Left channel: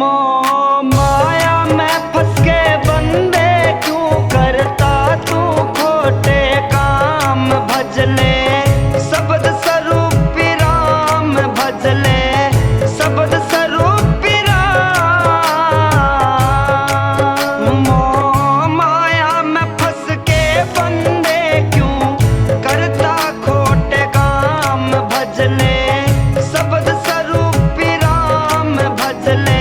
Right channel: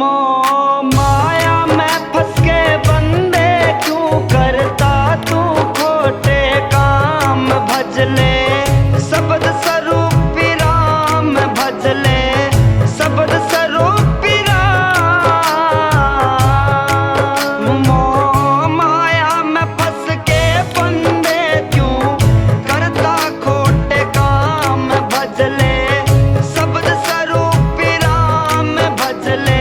मोह माया में फंस के बंदे क्यों करता तू खोटे काम। भजले शब्द स्वरूप राम, भजले शब्द स्वरूप राम। मोह माया में फंस के बंदे क्यों करता खोटे काम। भजले शब्द स्वरूप राम, भजले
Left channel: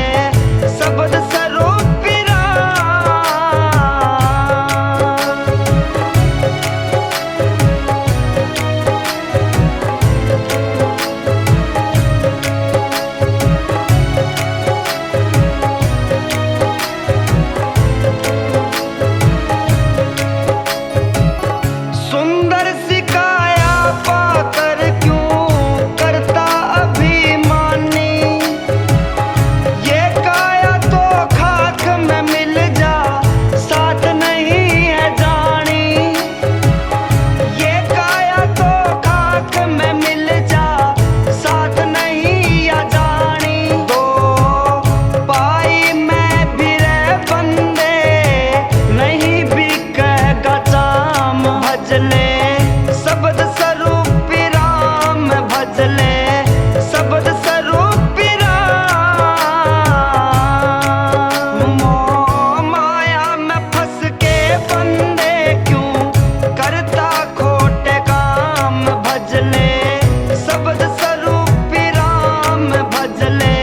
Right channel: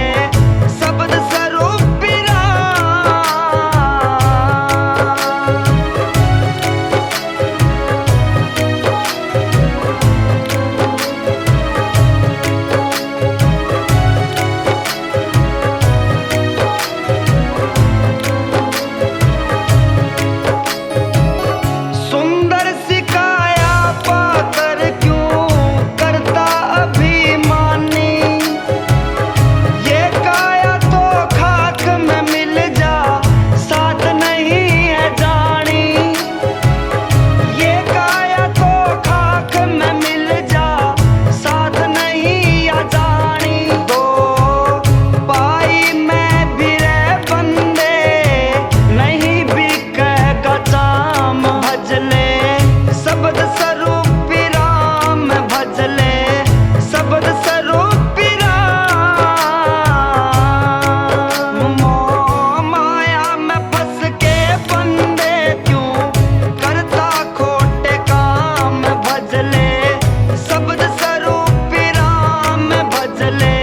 शब्द स्वरूप राम। सुंदर सी काया पाकर क्यों करता अभिमानी। ये काया तो खाक में मिल जा, साथ नहीं है जानी। ये काया तो खाक में मिल जा, साथ नहीं है जानी। दो पाई में भी रह बंदे, नहीं बिकेगा चाम। भजले शब्द स्वरूप राम, भजले शब्द स्वरूप राम। मोह माया में फंस के बंदे क्यों करता खोटे काम। भजले शब्द स्वरूप राम, भजले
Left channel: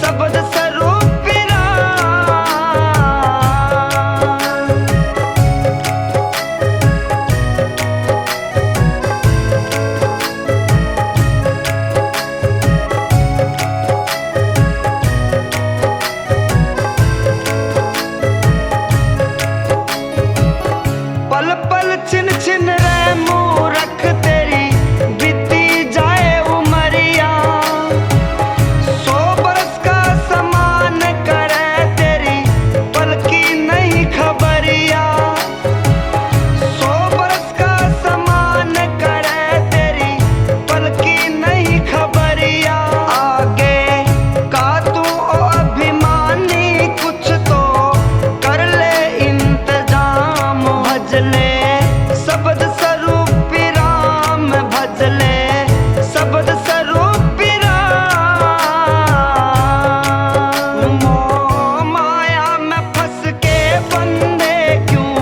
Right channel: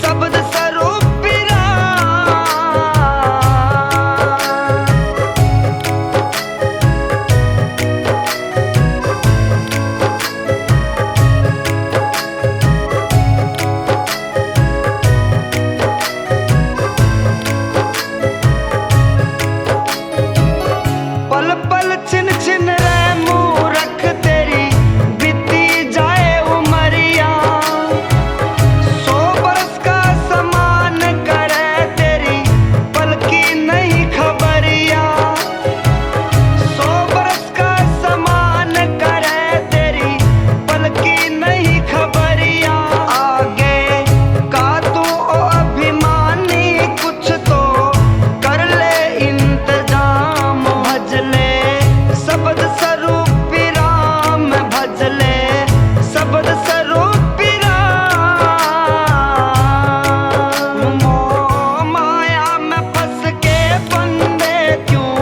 शब्द स्वरूप राम। पल पल छिन छिन रे मूरख तेरी बीती जाए उमरिया। 100 बरस का समान करे तेरी पल की नहीं खबरिया। 100 बरस का समान करे तेरी पल की नहीं खबरिया। आगे का तू ओ अभिमानी, कुछ तो कर ले इंतजाम। भजले शब्द स्वरूप राम, भजले शब्द स्वरूप राम। मोह माया में फंस के बंदे क्यों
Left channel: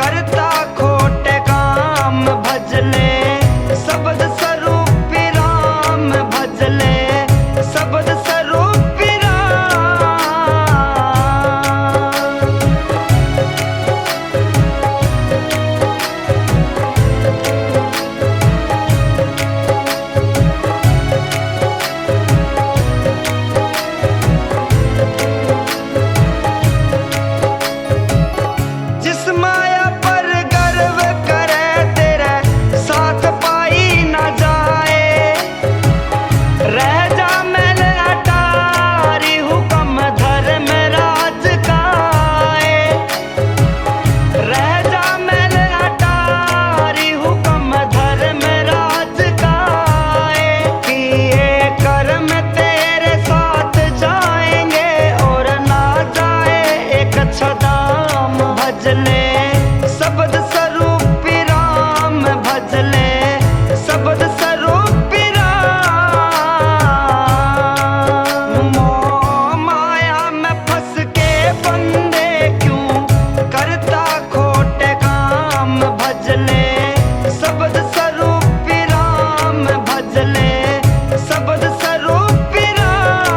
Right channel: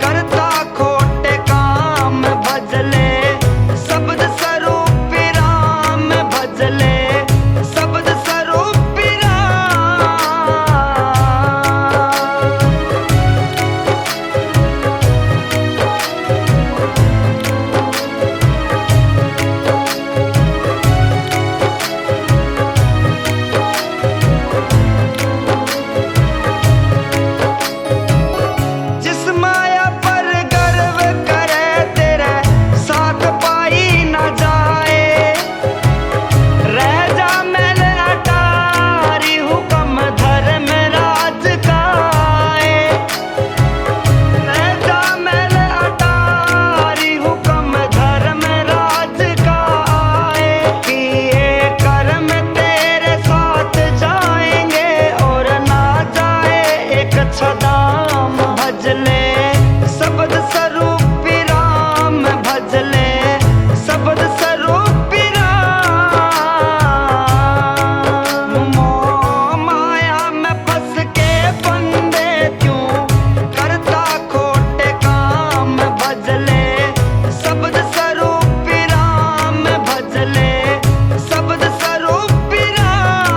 करता खोटे काम। भजले शब्द स्वरूप राम, भजले शब्द स्वरूप राम। जिस माया पर गर्व करे तेरे साथ पाई न जाए। रह जा मैल अटारी हुक्म धर्म राज काए। रह जा मैल अटारी हुक्म धर्म राज काए। किए कर्म तेरे साथ जाएंगे और ना जाए एक छदाम। भजले शब्द स्वरूप राम, भजले शब्द स्वरूप राम। मोह माया में फंस के बंदे क्यों करता खोटे काम। भजले शब्द स्वरूप राम, भजले शब्द स्वरूप राम।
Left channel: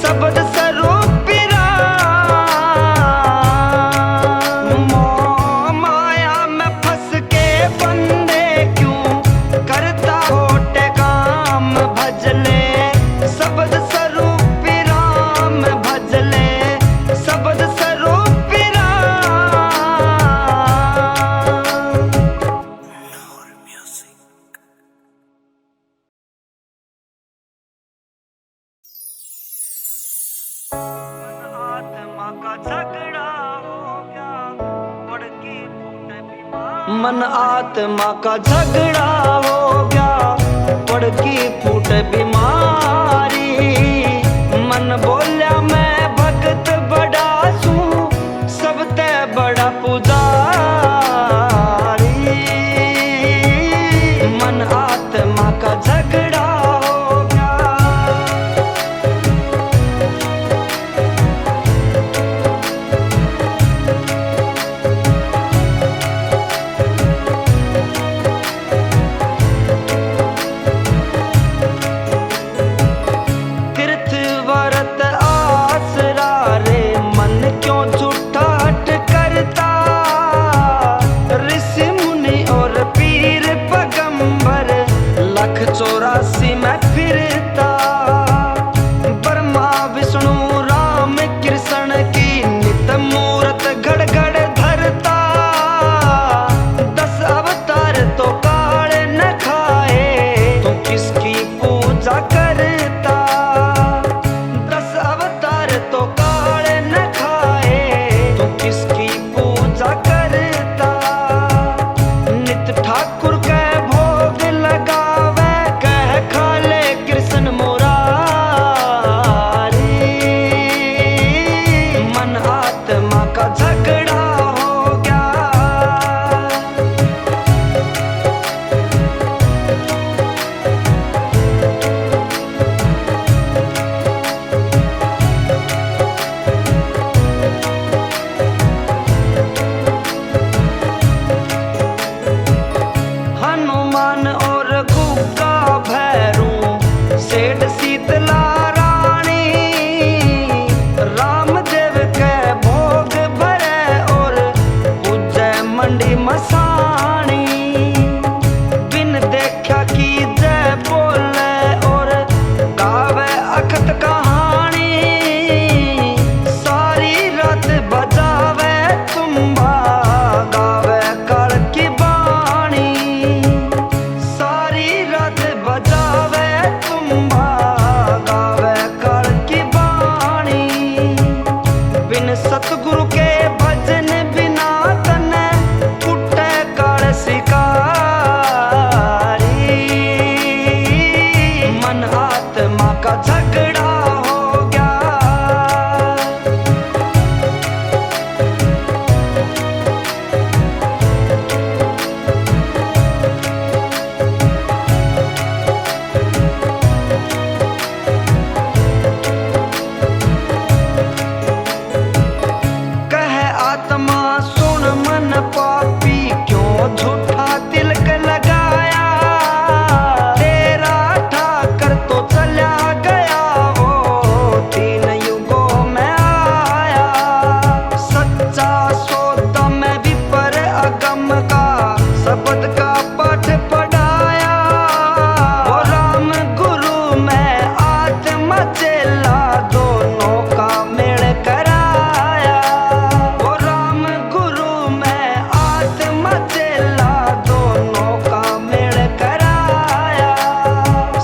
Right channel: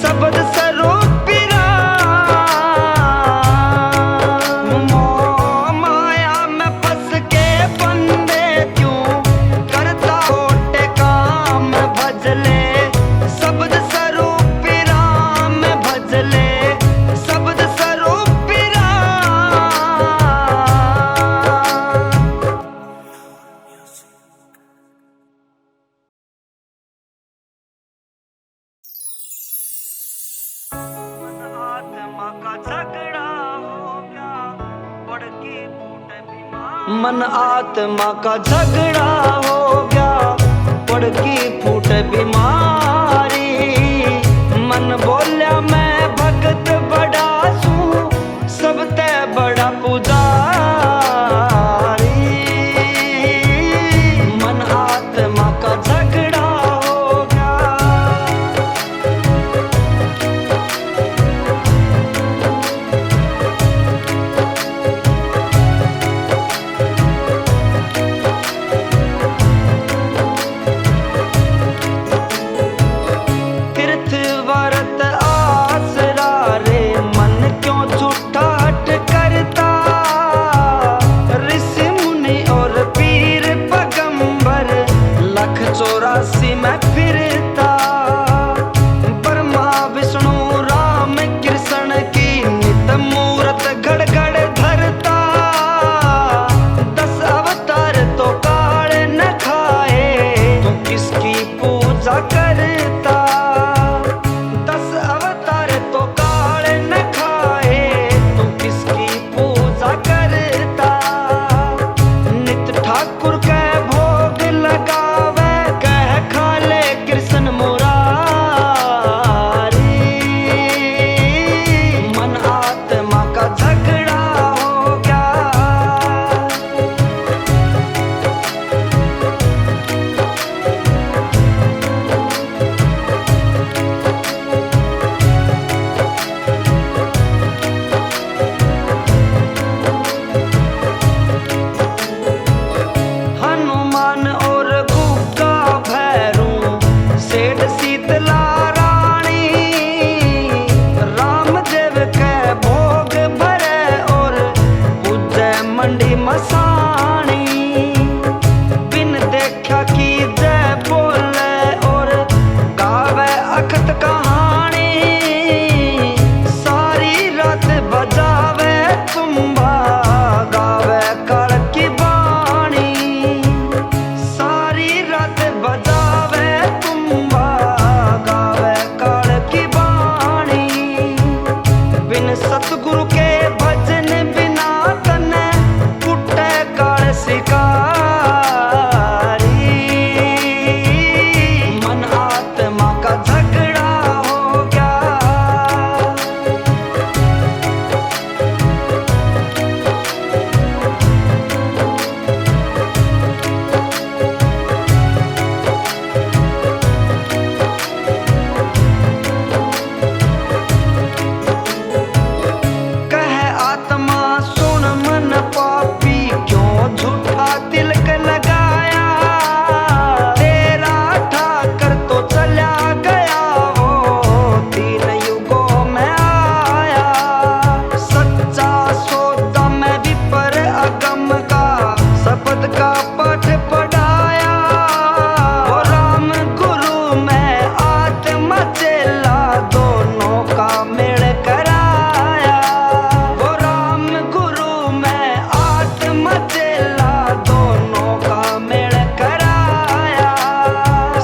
शब्द स्वरूप राम। माया में फंस के बंदे क्यों करता खोटे काम, भजले शब्द स्वरूप राम, भजले शब्द स्वरूप राम। आत्मा का झगड़ा हो गया, पड़ की फूटे बीमारी। मन आत्मा का झगड़ा हो गया, पड़ की फूटे बीमारी। मन बोल्या मैं भगत बड़ा सू, सबते बड़ा पुजारी। मन आत्मा का झगड़ा हो गया। तीर्थ व्रत आसरा रे, मन क्यों झूठा हट करता। ऋषि मुनि और पीर पैगंबर 184 में फिरता। ब्रह्मा विष्णु राम कृष्ण की नित मूरत घड़ घड़ धरता। 10 अवतार तो काल न खाए, तू किसकी पूजा करता। 10 अवतार तो काल न खाए, तू किसकी पूजा करता। नित ठाकुर के भोग लगावे, कह खाले कृष्ण मुरारी। मन आत्मा का झगड़ा हो गया। हनुमान और गुग्गा भैरू, सेठ शीतला रानी। रामदेव के भोग भरे और पूजे मंडी मसाणी। बिन देखा की जय बोले और गावे अखत कहानी। सारी रात बजावे तुम्बा, गावे काल की बाणी। सारी रात बजावे तुम्बा, गावे काल की बाणी। बिन सतगुरु के भजन बिना तने कुटे काल शिकारी। मन आत्मा का झगड़ा हो गया। कह आत्मा सुन मन पापी, क्यों झूठा तिलक लगाया। तेरा ठाकर तो चला गया, वो 3 युगों में आया। सच्चा सौदा में विपर अगम का शब्द का पाठ पढ़ाया। वो राम गुरु में आत्मा चेला, दोनों का मेल कराया। वो राम गुरु में आत्मा चेला, दोनों का मेल कराया।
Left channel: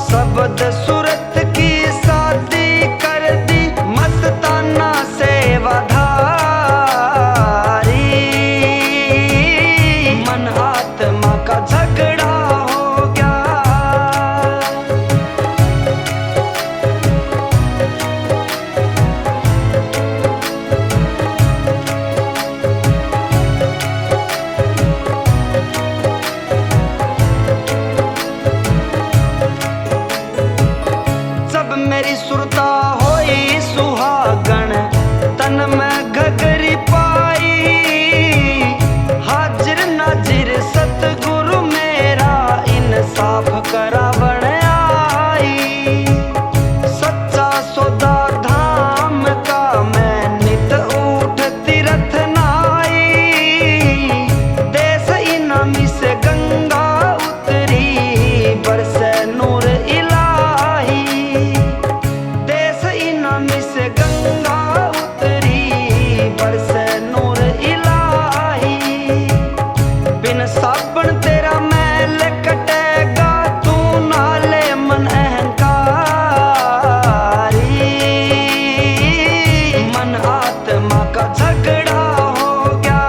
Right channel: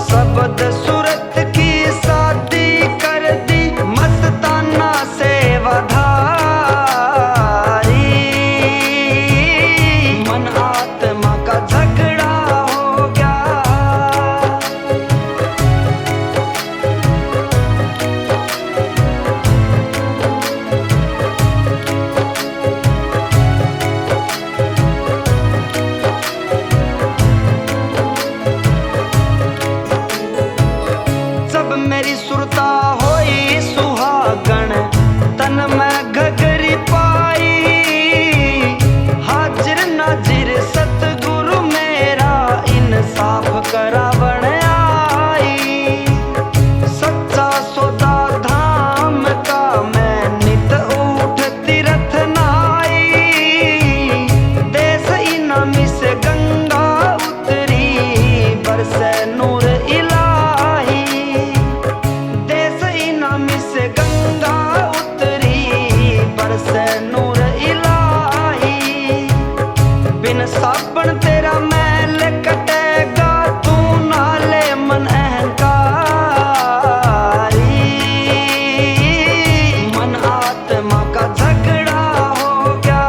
शब्द सूरत की शादी कर दी, मस्ताना सेवाधारी। मन आत्मा का झगड़ा हो गया। जब मेरी सुरता होई सुहागण, तन में घघरी पाई। हाजिर नाजिर सतगुरु मेरा, इंसाफ करावण आई। सच्चा सो 14 धाम का मैं नित उठ तीर्थ नाई। देश इनामी से गंगा उतरी बरसे नूर इलाही। देश इनामी से गंगा उतरी बरसे नूर इलाही। बिन साबन तेरा मैल कटेगा तू नाले मन अहंकारी। मन आत्मा का झगड़ा हो गया।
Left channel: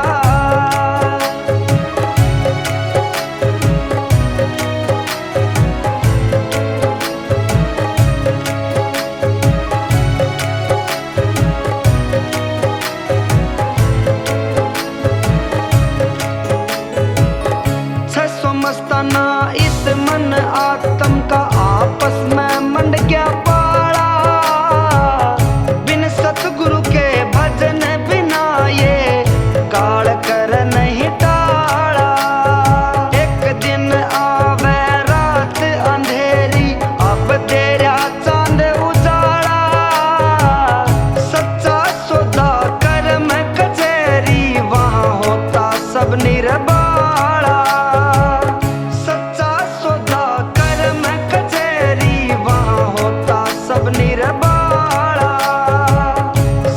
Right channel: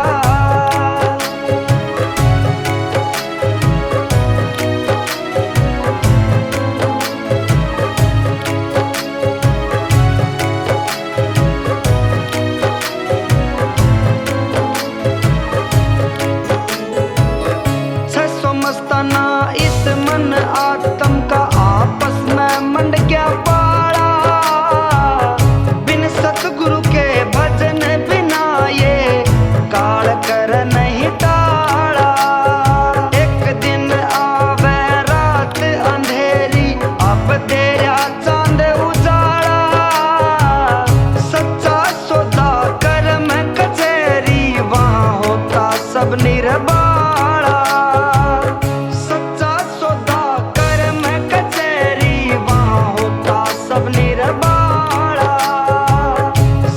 मस्ताना इस मन आत्म का आपस में मंड गया पाड़ा। बिन सतगुरु के भजन बिना ये काल कर नहीं टाड़ा। एक दिन आवे रात अंधेरी अब तेरा चांद उजाड़ा। सच्चा सौदा कर्म कचहरी वहाँ होता सब निर्बाड़ा। निर्बाड़ा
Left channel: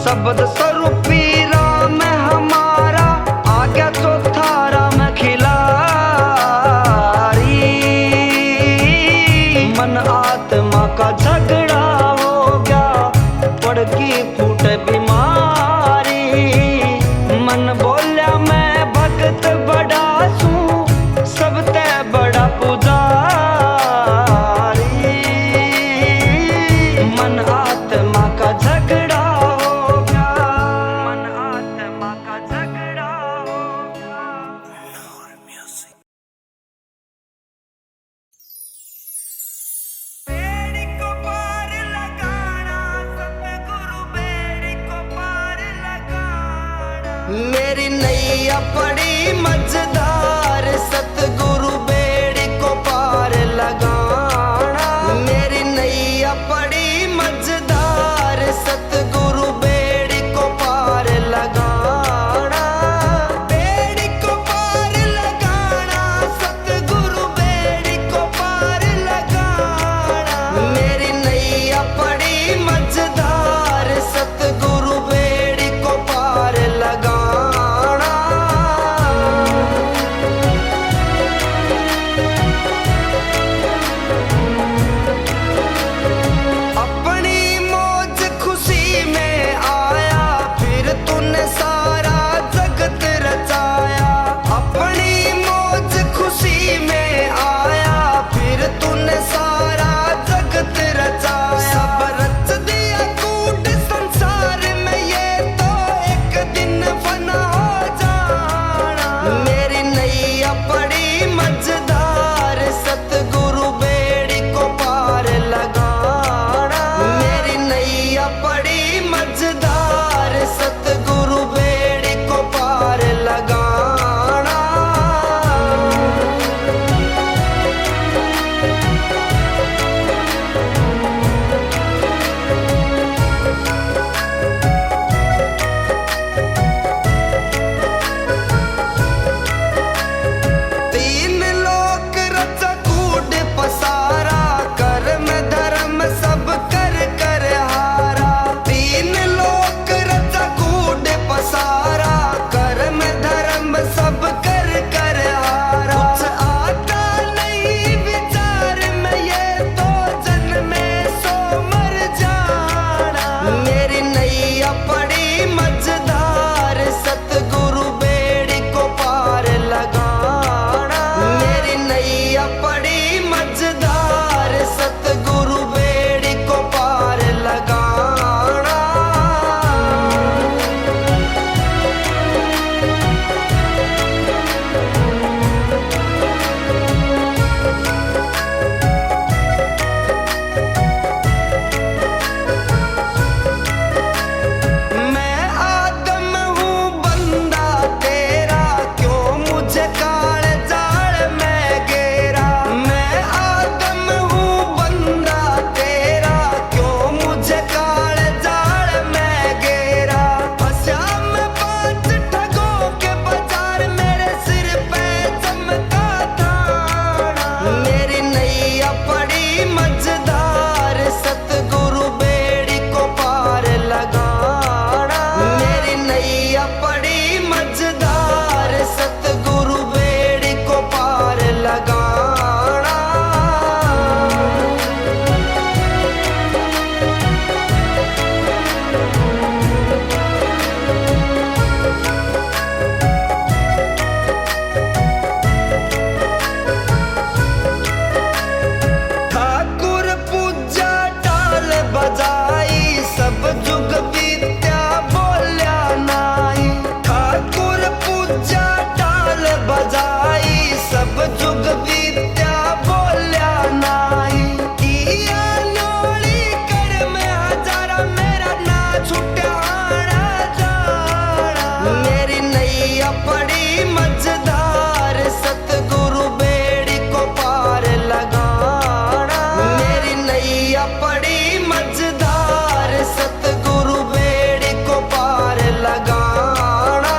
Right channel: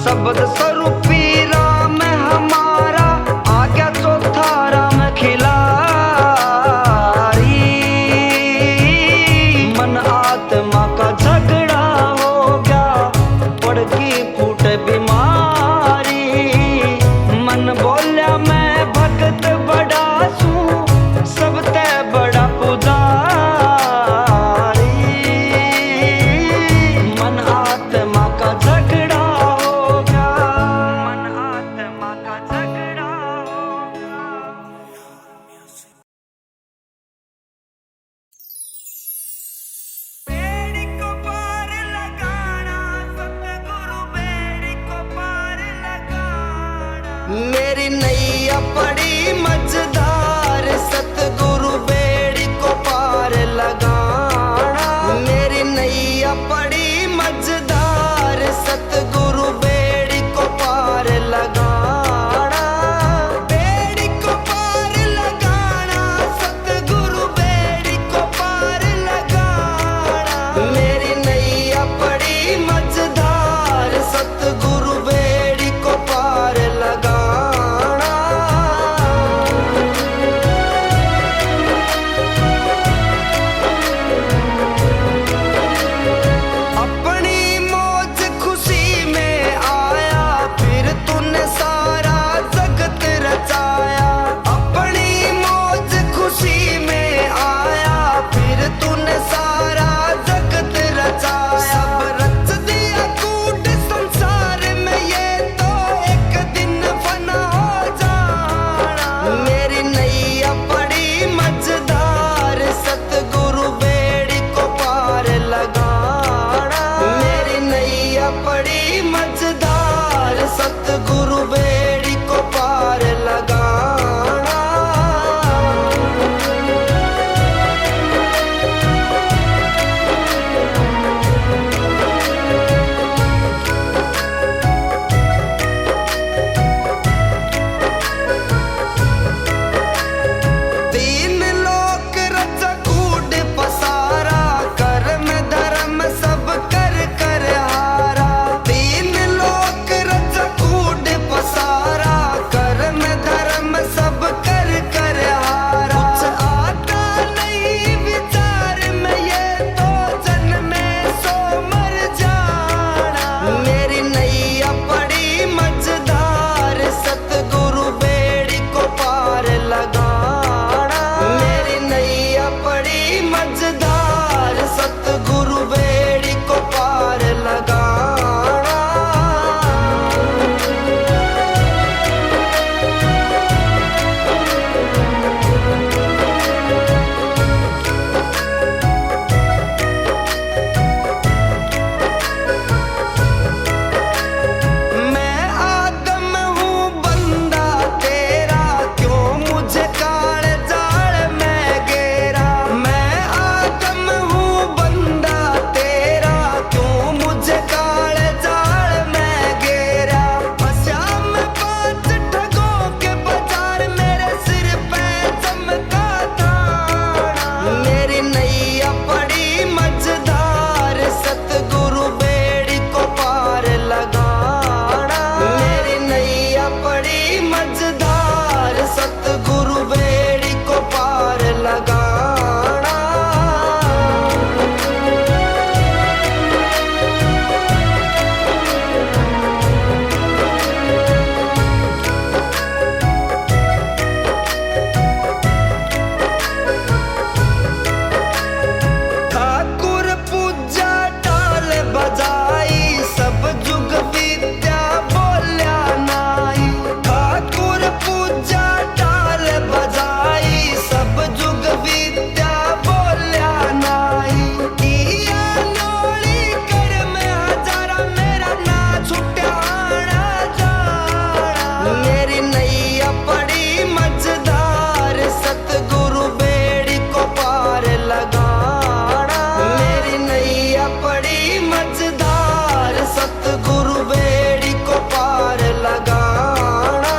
शब्द स्वरूपी राम हमारा आ गया चौथा राम खिलाड़ी। मन आत्मा का झगड़ा हो गया पड़की फूट बीमारी। मन बोल्या मैं भगत बड़ा सू सबते बड़ा पुजारी। मन आत्मा का झगड़ा हो गया। मन आत्मा का झगड़ा हो गया। बेड़ी को पार लगाना सतगुरु बेड़ी को पार लगाना। मेरी नैया पड़ी मझधार सतगुरु बेड़ी को पार लगाना। मेरी नैया पड़ी मझधार सतगुरु बेड़ी को पार लगाना। बेड़ी को पार लगाना सतगुरु बेड़ी को पार लगाना। मेरी नैया पड़ी मझधार सतगुरु बेड़ी को पार लगाना। अपनी मौज खुशी में आया फिर तूने सारा जगत रचाया। अपनी मौज खुशी में आया फिर तूने सारा जगत रचाया। सब रच दिया कूट संसार में ये तो एक दिन फना हो जाना। मेरी नैया पड़ी मझधार सतगुरु बेड़ी को पार लगाना। मेरी नैया पड़ी मझधार सतगुरु बेड़ी को पार लगाना। तीन लोक रचा कूट पसारा कर्म धर्म सब कर कर हारा। तीन लोक रचा कूट पसारा सब जुग विद्या बोल्या नाई, ठाकुर पूजा टाल बजाई, सब जुग विद्या बोल्या नाई। किया नोली कर में हजारा मेरा ना छुट्या आना जाना, मेरी नैया पड़ी मझधार सतगुरु बेड़ी को पार लगाना, मेरी नैया पड़ी मझधार सतगुरु बेड़ी को पार लगाना।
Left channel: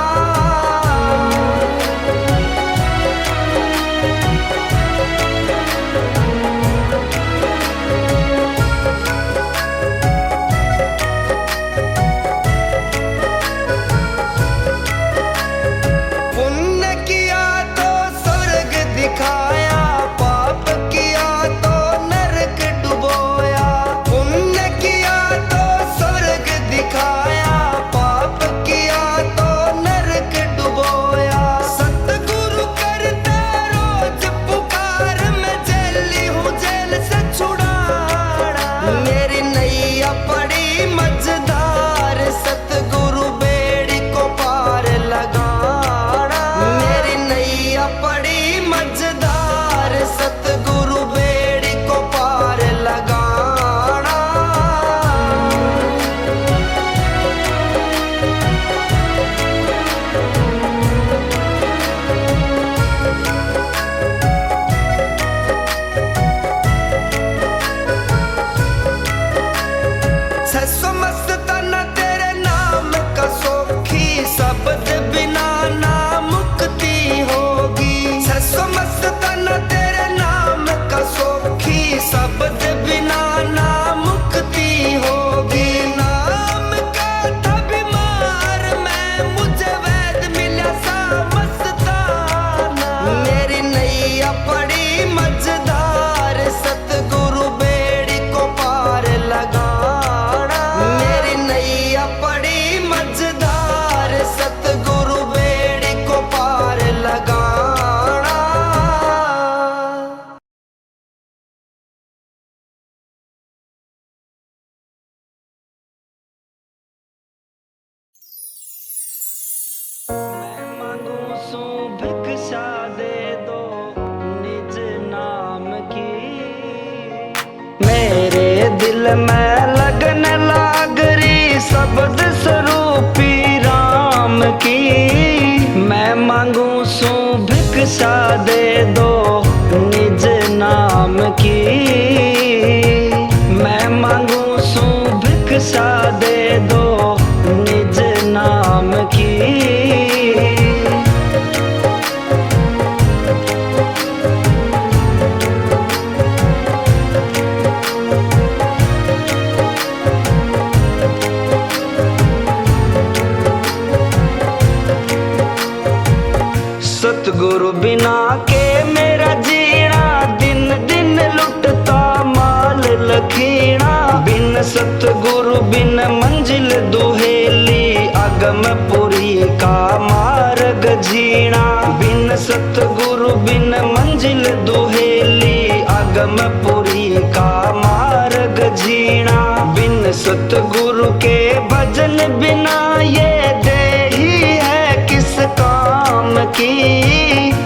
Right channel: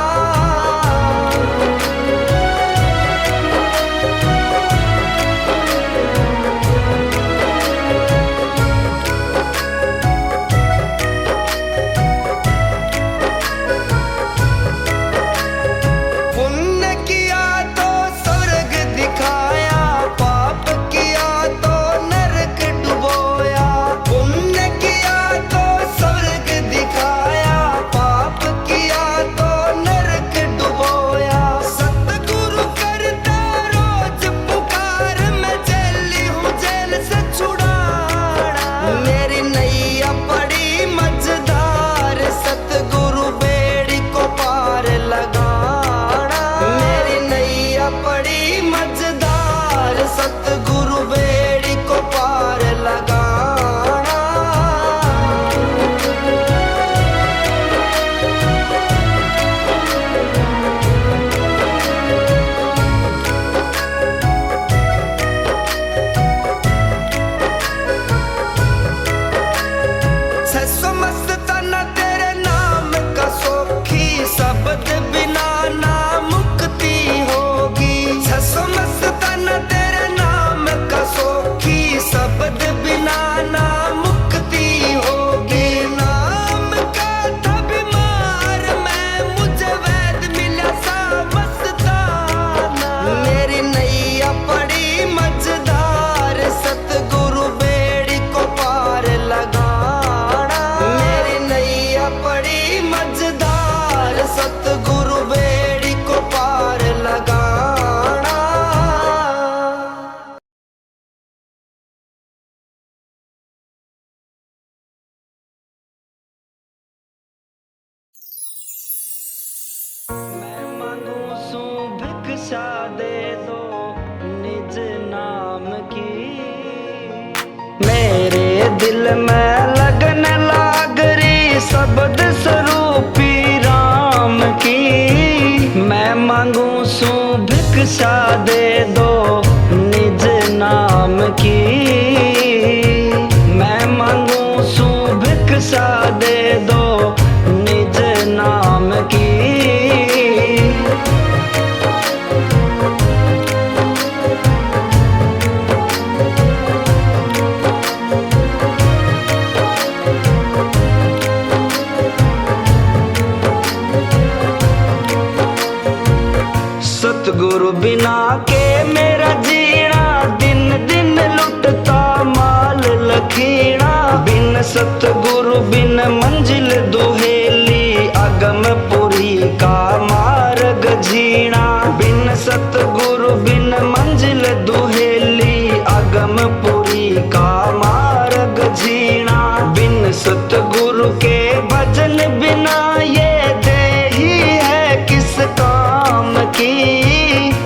पुण्य किया तो स्वर्ग दिखाया, पाप किया तो नरक डुबोया, पुण्य किया तो स्वर्ग दिखाया, पाप किया तो नरक डुबोया। सतगुरु करता रोज पुकार, मैं जेली हूँ जेल से छुड़ाना, मेरी नैया पड़ी मझधार सतगुरु बेड़ी को पार लगाना, मेरी नैया पड़ी मझधार सतगुरु बेड़ी को पार लगाना। छसो मस्ताना तेरे नाम का सोखी, शब्द बिना ना मुक्ति होगी। छसो मस्ताना तेरे नाम का सोखी, शब्द बिना ना मुक्ति होगी। नाम का था बीमार मैं, मुझे वैद मिला सा मस्ताना, मेरी नैया पड़ी मझधार सतगुरु बेड़ी को पार लगाना, मेरी नैया पड़ी मझधार सतगुरु बेड़ी को पार लगाना। मैं मांगू सू भिक्षा दे दो निज नाम की, मेरे दिल में लगन लागरी शब्द स्वरूपी राम की। मैं मांगू सू भिक्षा दे दो निज नाम की, मैं मांगू सू भिक्षा दे दो निज नाम की। सतगुरु बिना के मेरा जीना, दिन दिन लुटता माल लखीना, बिन सतगुरु बिन मंजिल दुहेली, अगमपुरी का मार्ग जीना, बिन सतगुरु बिन मंजिल दुहेली, अगमपुरी का मार्ग जीना, बिन सतगुरु के भजन बिना ये देही है किस काम की।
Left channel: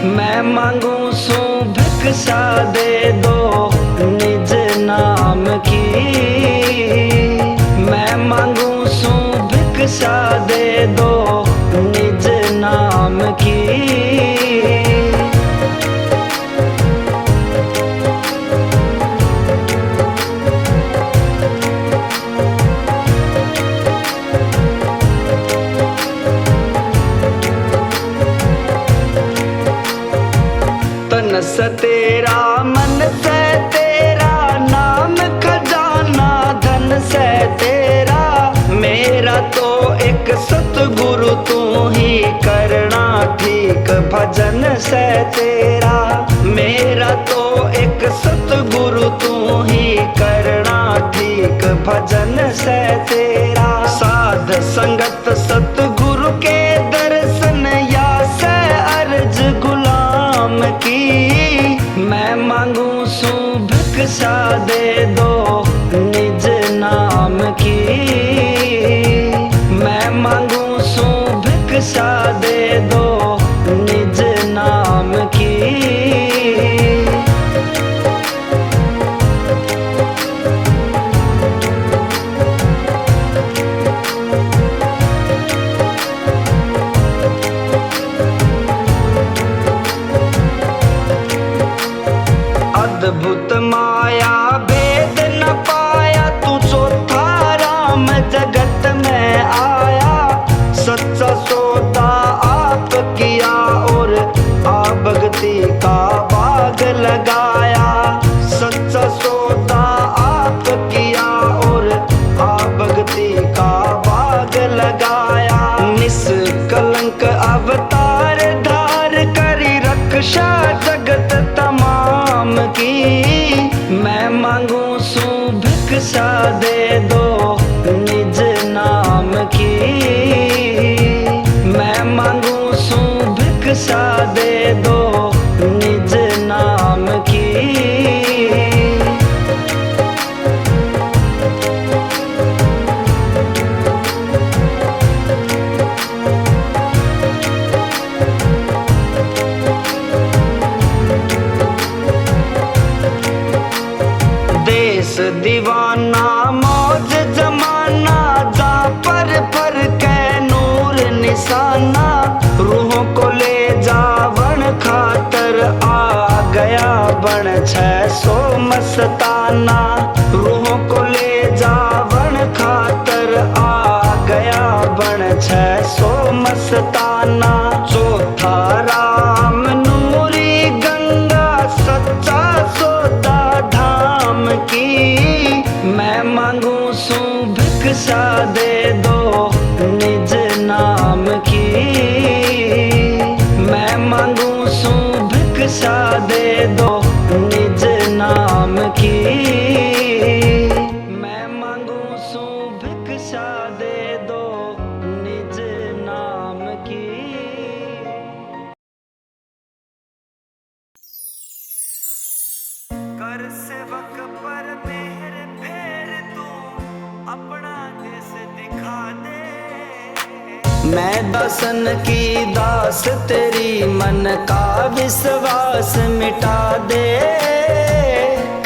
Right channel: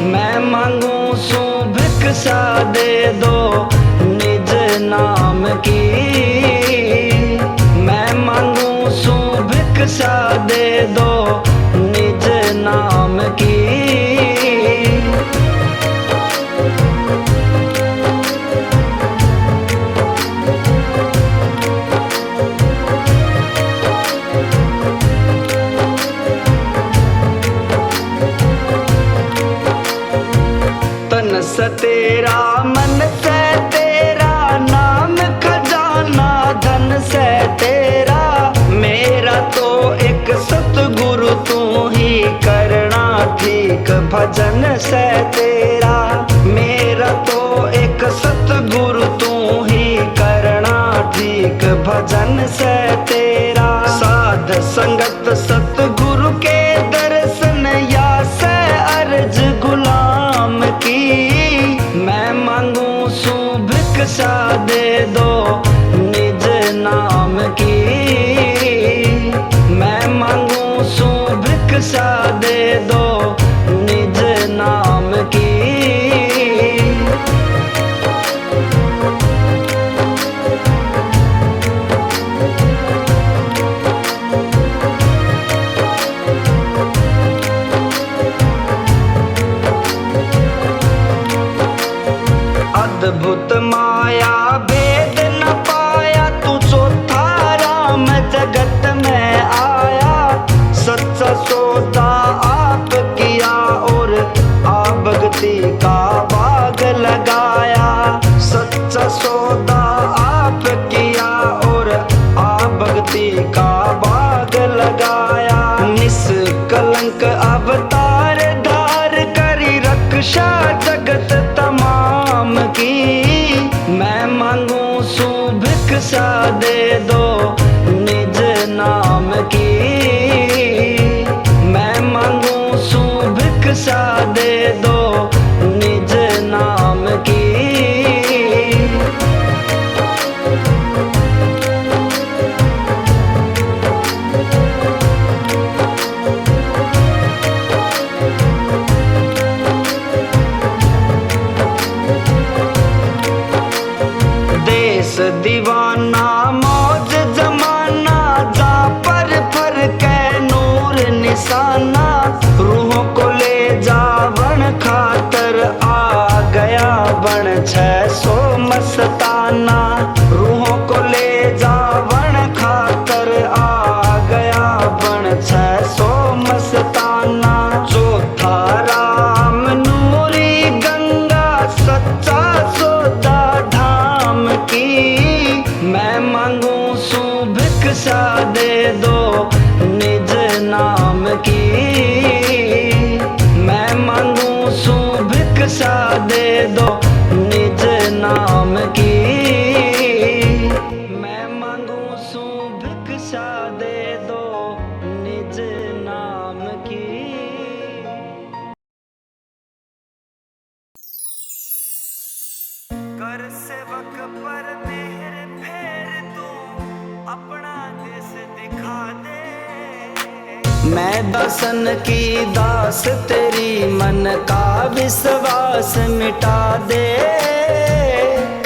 मैं मांगू सू भिक्षा दे दो निज नाम की, मैं मांगू सू भिक्षा दे दो निज नाम की। तन से तेरा मन से तेरा, नाम खजाना धन से तेरा, मेरा तो एक सतगुरु तू ही करना ठीक भजन से तेरा, मेरा तो एक सतगुरु तू ही करना ठीक भजन से तेरा। साध संगत सतगुरु के दर्शन या से अर्ज गुलाम की, मैं मांगू सू भिक्षा दे दो निज नाम की। जगत में आया, सच्चा सौदा आप किया और आ भक्ति का बाग लगाया। सच्चा सौदा आप किया और आ भक्ति का बाग लगाया। निष्कलंक अवतार धार करी रक्षा जगत तमाम की। मैं मांगू सु भिक्षा दे दो निज नाम की। मैं मांगू सु भिक्षा दे दो निज नाम की। देश दीवाना मौज जमाना, जा पर फर के नूर निशाना। रूहों को ले जावन खातर आ गया बन 600 मस्ताना। रूहों को ले जावन खातर आ गया बन 600 मस्ताना। चौथा राम नूरी गंगा, सच्चा सौदा धाम की। मैं मांगू सु भिक्षा दे दो निज नाम की। मैं मांगू सु भिक्षा दे दो निज नाम की। मैं मांगू सु भिक्षा दे दो निज नाम की। कर सेवक पर मेहर फेर तू, अपना देश दिखा दे। मैं दासन की दास तेरी, मन का विश्वास मिटा दे।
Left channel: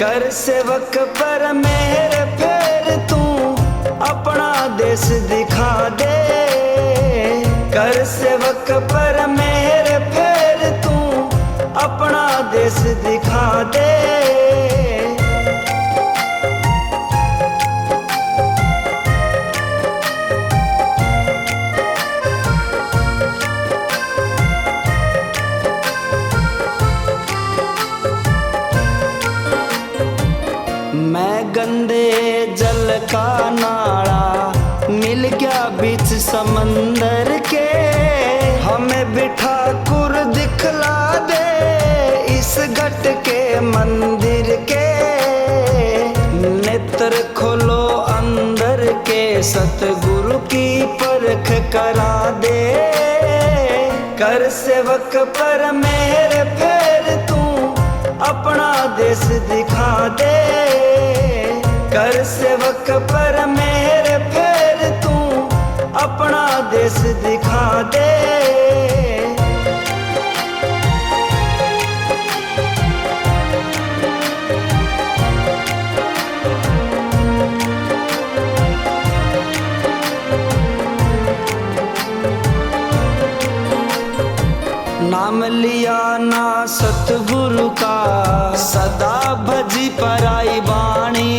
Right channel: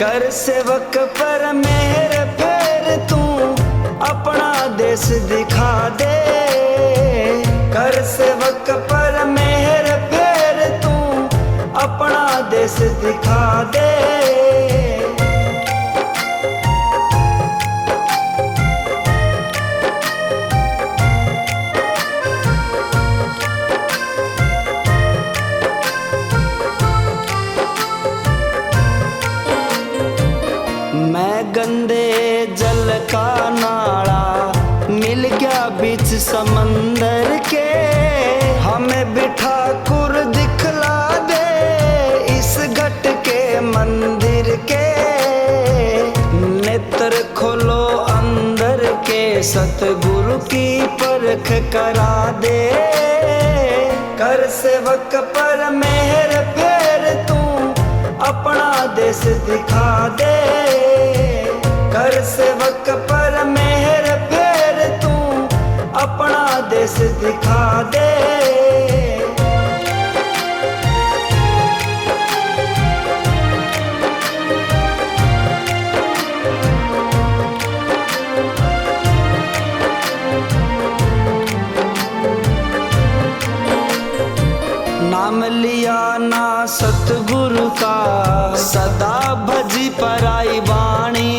कर सेवक पर मेहर फेर तू, अपना देश दिखा दे। कर सेवक पर मेहर फेर तू, अपना देश दिखा दे। मैं गंदे जल का नाला मिल गया बीच समंदर के। हमें बिठा कुर दिखला दे इस घट के मंदिर के। नेत्र खोलो अंदर के, सतगुरु की परख करा दे। कर सेवक पर मेहर फेर तू, अपना देश दिखा दे। कर सेवक पर मेहर फेर तू, अपना देश दिखा दे। नाम लिया ना सतगुरु का, सदा भजी पराई बाणी।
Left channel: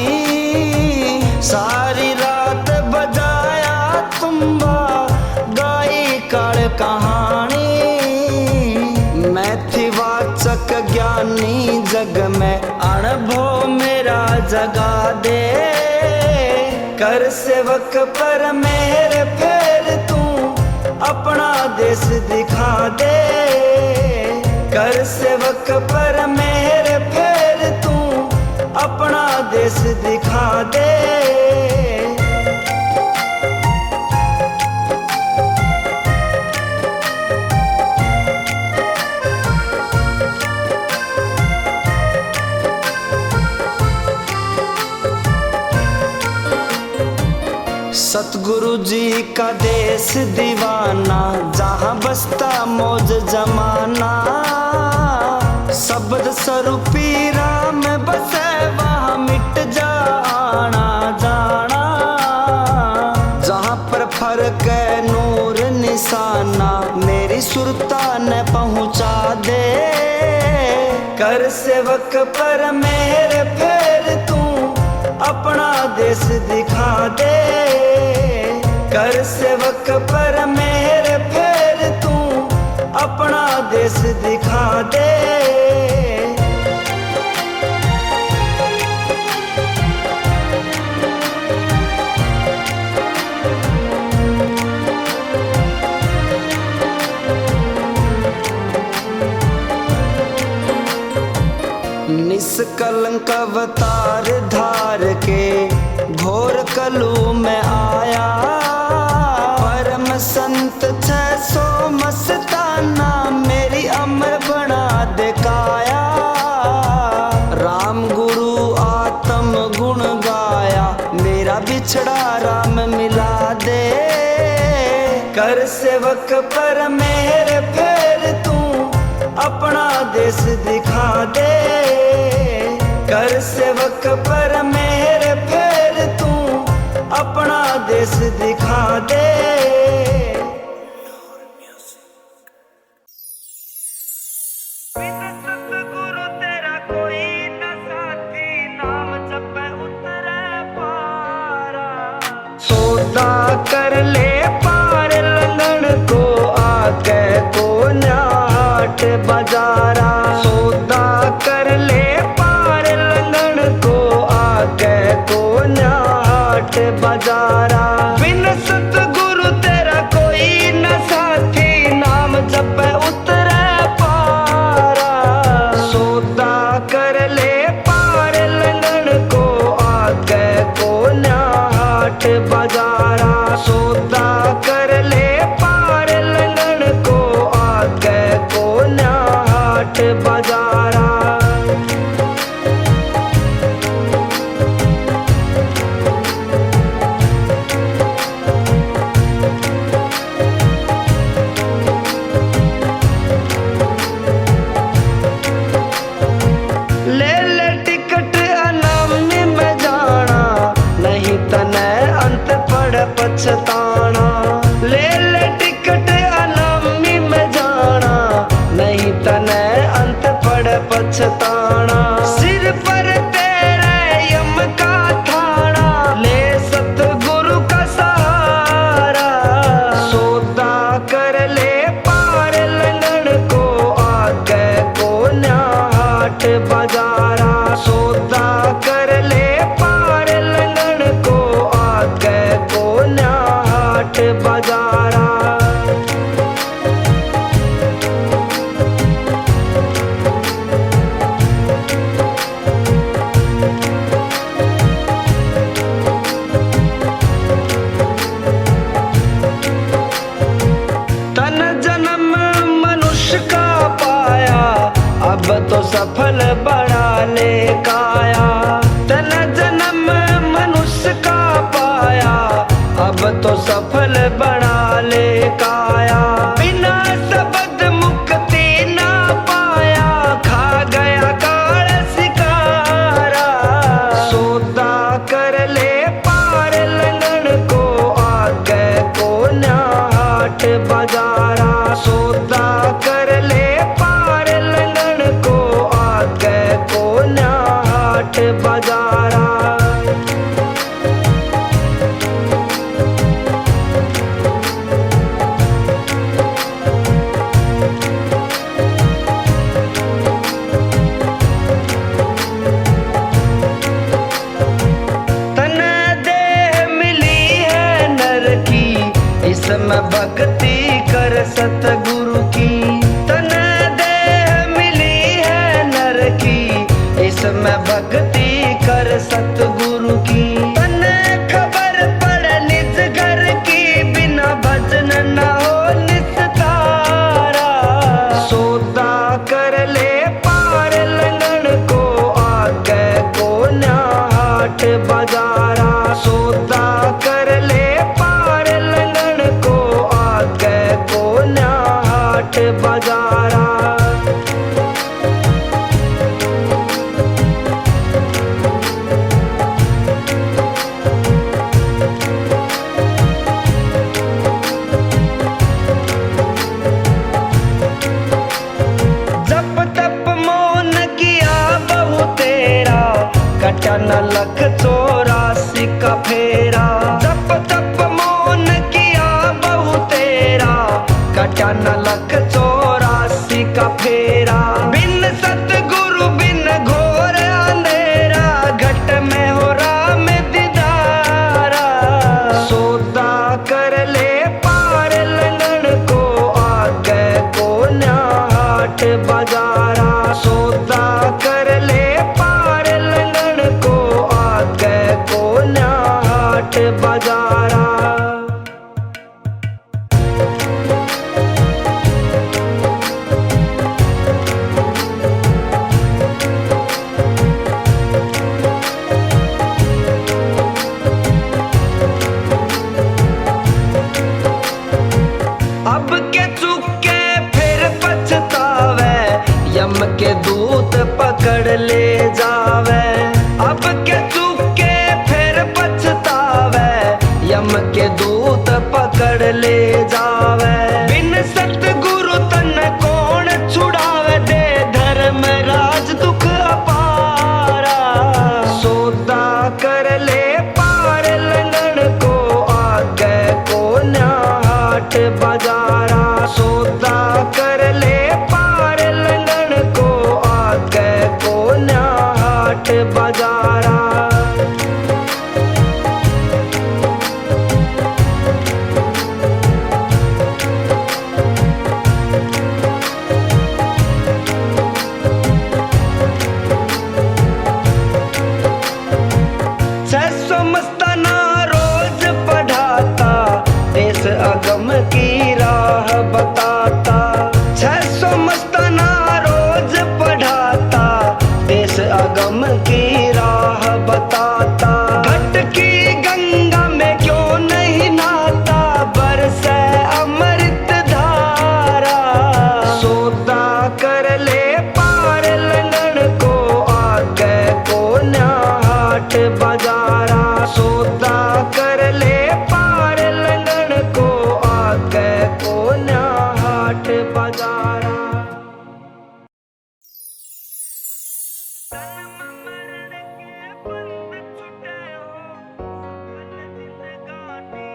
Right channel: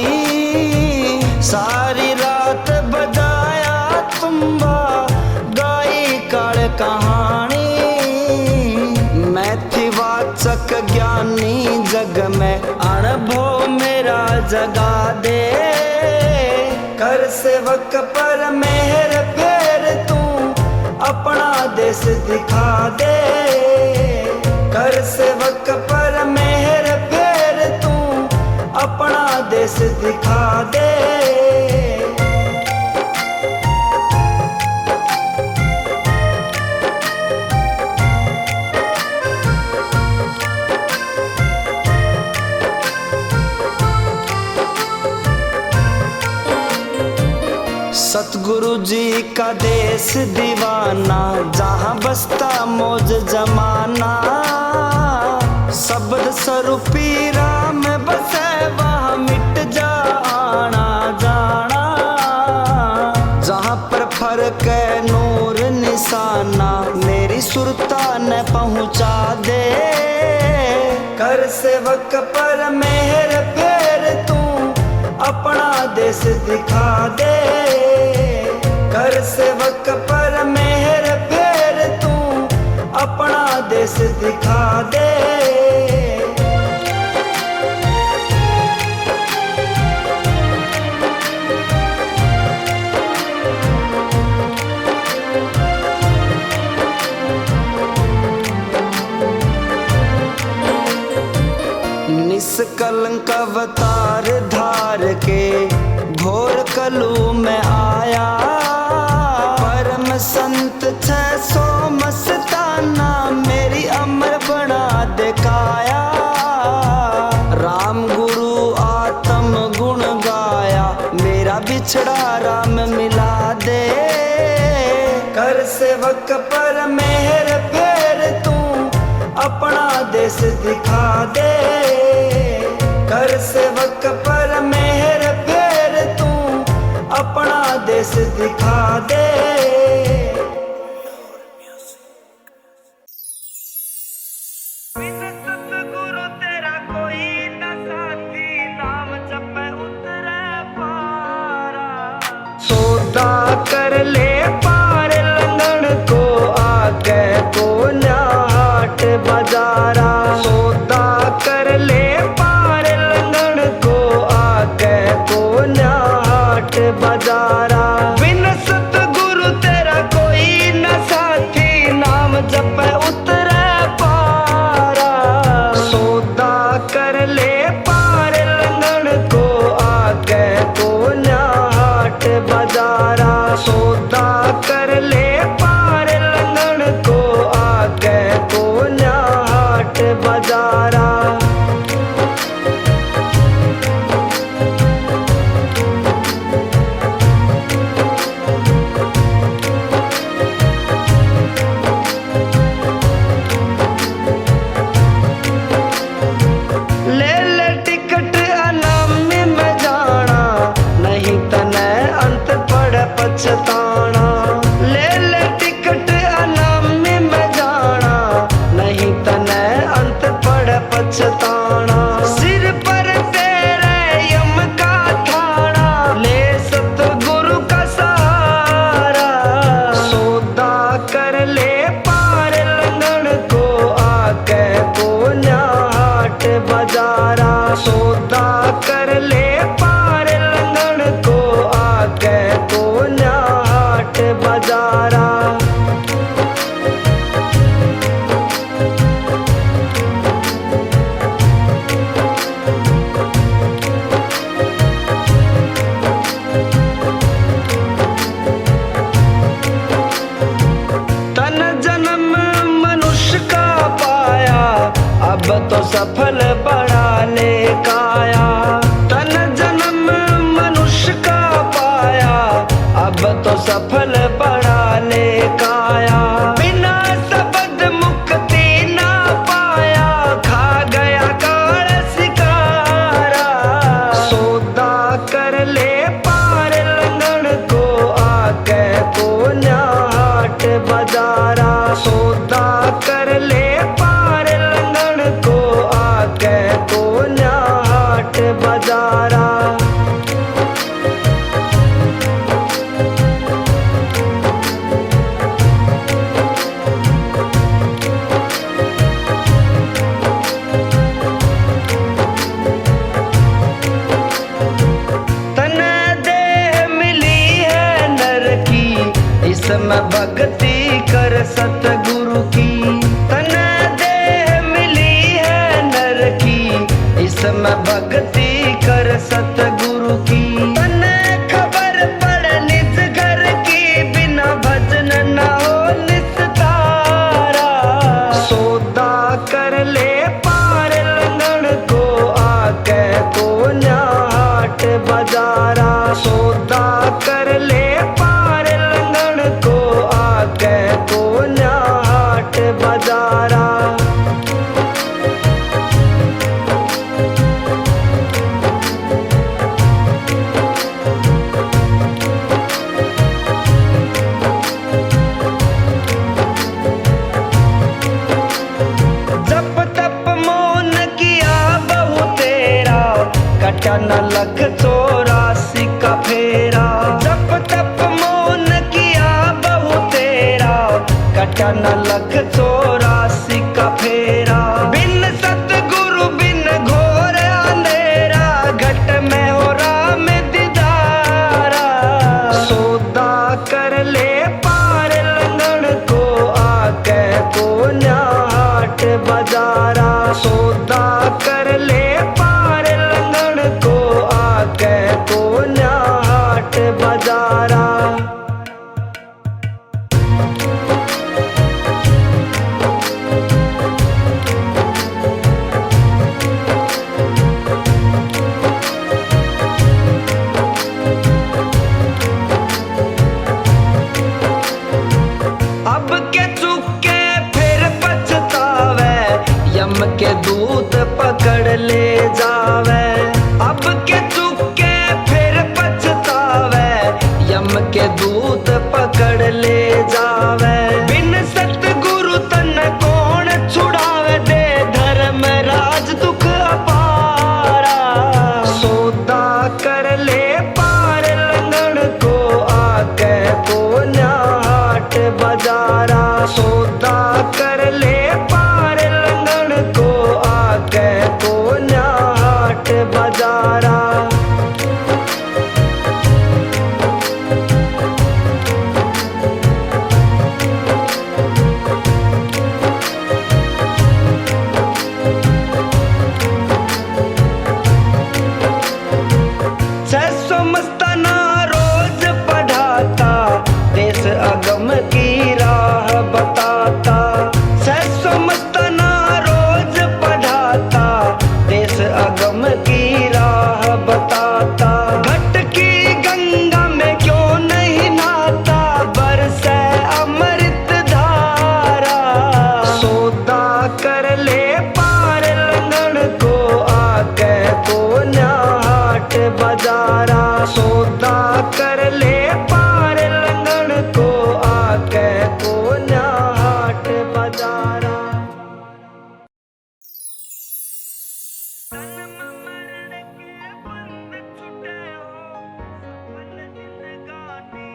सारी रात बजाया तुम्बा, गाई काल कहानी। मैं थी वाचक ज्ञानी जग में, अनुभव मेरा जगा दे। कर सेवक पर मेहर फेर तू, अपना देश दिखा दे। कर सेवक पर मेहर फेर तू, अपना देश दिखा दे। सतगुरु जी का देश दीवाना, जहाँ बसता मौज जमाना। शब्द स्वरूपी राम बसे, वहाँ मिट जा आना जाना। जहाँ पर फर्क है नूर निशाना, मेरी सुरता न पहुँचा दे। कर सेवक पर मेहर फेर तू, अपना देश दिखा दे। कर सेवक पर मेहर फेर तू अपना देश दिखा दे। निष्कलंक अवतार धार के घोर कलू में आया। परम संत 600 मस्ताना मेरी अमर बना दिखाया। राम गुरु आत्म गुण गाया मेरा बिछड़ा राम मिला दे। कर सेवक पर मेहर फेर तू अपना देश दिखा दे। कर सेवक पर मेहर फेर तू अपना देश दिखा दे। बिन सतगुरु तेरा कोई न साथी नाम जपे उतरे पारा। सौदा कर ले पार लंघन को आगे को न्याट बाजारा। सौदा कर ले पार लंघन को आगे को न्याट बाजारा। बिन सतगुरु तेरा कोई न साथी नाम जपे उतरे पारा। सौदा कर ले पार लंघन को आगे को न्याट बाजारा। सौदा कर ले पार लंघन को आगे को न्याट बाजारा। ले ले टिकट अनामी में जाना नहीं तने अंत पड़ पछताना। ले ले टिकट अनामी में जाना नहीं तने अंत पड़ पछताना। सिर पर तेरे यम का थाना ले सतगुरु का सहारा। सौदा कर ले पार लंघन को आगे को न्याट बाजारा। सौदा कर ले पार लंघन को आगे को न्याट बाजारा। तन जन्म मनुष्य का पाया अब तो सफल बना ले काया। तन जन्म मनुष्य का पाया अब तो सफल बना ले काया। बिना शब्द मुक्ति ना पाया खा गया काल शिकारा। सौदा कर ले पार लंघन को आगे को न्याट बाजारा। सौदा कर ले पार लंघन को आगे को न्याट बाजारा। इसमें भक्ति कर सतगुरु की। तन देह मिली है नर की इसमें भक्ति कर सतगुरु की। तन खबर पड़ निज घर की बिना भजन न हो निस्तारा। सौदा कर ले पार लंघन को आगे को न्याट बाजारा। सौदा कर ले पार लंघन को आगे को न्याट बाजारा। जप तप मौन किया बहु तेरा कटा न लख 84 का फेरा। जप तप मौन क्या न लख 84 का फेरा। बिन सतगुरु बिन घोर अंधेरा, घट में हो राम दीदारा। सौदा कर ले पार लंगन को, आगे को न्याहाट बजारा। सौदा कर ले पार लंगन को, आगे को न्याहाट बजारा। अब के चुके फिर पछतावे, यम के दूत पकड़ ले जावे। अब के चुके फिर पछतावे, यम के दूत पकड़ ले जावे। बिन सतगुरु तन कौन छुड़ावे, दे धर्म राज दुख अपारा। सौदा कर ले पार लंगन को, आगे को न्याहाट बजारा। सौदा कर ले पार लंगन को, आगे को न्याहाट बजारा। मस्ताना रोज पढ़ाता, देश अगम की राह बताता। 600 मस्ताना रोज पढ़ाता, देश अगम की राह बताता। घट की गंगा में क्यों नहीं नहाता, बरसे अमृत धारा। सौदा कर ले पार लंगन को, आगे को न्याहाट बजारा। सौदा कर ले पार लंगन को, आगे को न्याहाट बजारा। जन्म मरण के बंध छूटे हो, सफल जिंदगानी।